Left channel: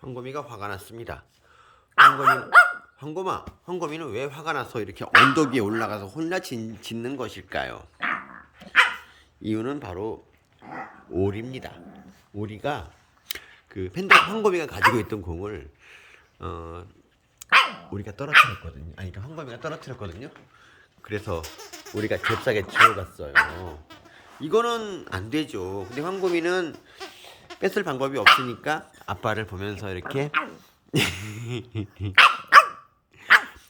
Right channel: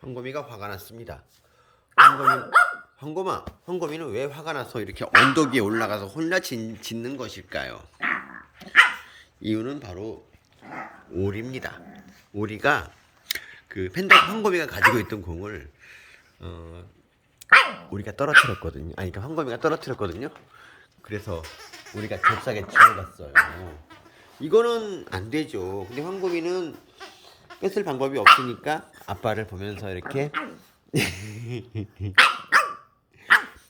황곰이가 화가 났습니다. 황곰이 황곰아, 황곰이는 왜 화가 나서 이렇게 언덕 위에 올라가서 혼자 짖, 짖는 것일까요? 이유는 바로 오리입니다. 오리가 그 팬더 황곰이가 가지고 있던 공을 어 우리가 떨어뜨렸거든요. 아니, 그러니까 황곰이가 떨어뜨렸거든요. 그래서 우리가 잽싸게 지어갔어요. 이거는 안 되죠. 근데 황곰이는 뺏을 방법이 없으니까 아빠를 보면서 이렇게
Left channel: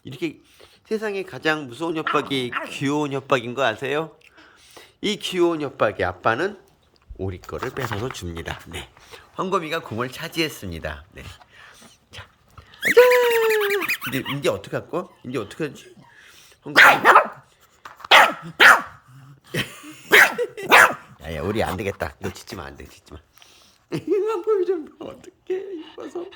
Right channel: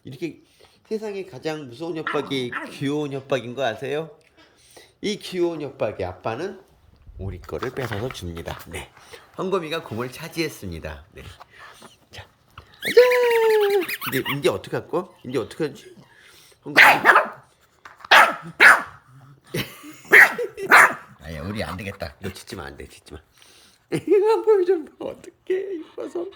이렇게 세상에 가장 무서운 협박이 귀여운 협박인 거 아세요? 이 귀여운 협박의 아빠는 오리 거를 뺏어서 줍니다. 네. 황곰이가 공을 차지했습니다. 네. 자. 짠! 이제 이제 어떻게 할 거? 이제 어떻게 하지? 황곰이 야 야 우리 안 되겠다. 너 짖지 마, 안 돼, 짖지 마. 황곰이 좀 봐, 어떡해 이뻐서.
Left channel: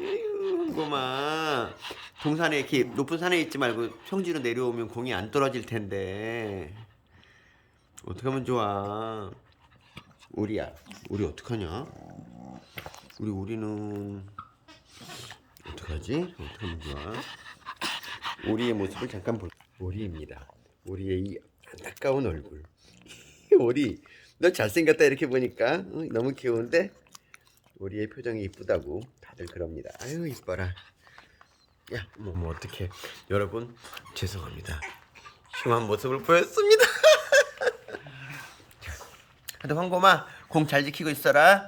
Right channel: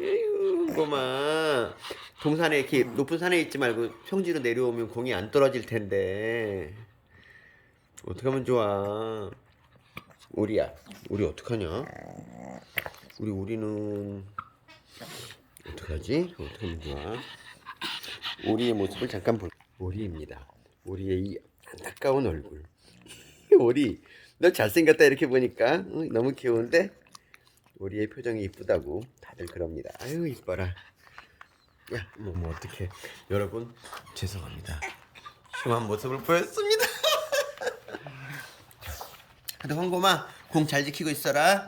에휴, 황곰아. 동산에 이렇게 높은 산에 있지 말고 평지로 내려오면 공이 안 떨어질 텐데. 어떻게 하면 좋아? 우리야, 우리 어떡하냐? 우리 우리는 어떻게 하지? 어떻게 하면 좋아? 우리의 모습을 잠깐 볼. 우리입니다. 우리의 이 안타까운 얼굴. 우리 너 잘생겼다 이렇게 보니까 어, 너무 귀여운데 우리의 표정이 이쁘다고 다들 그럽니다. 아유 이뻐라. 야, 뭐, 뭐 어떻게 여러분 죄송합니다. 흉한 모습을 보였습니다. 하여튼 황곰아 공잘 지키고 있어라.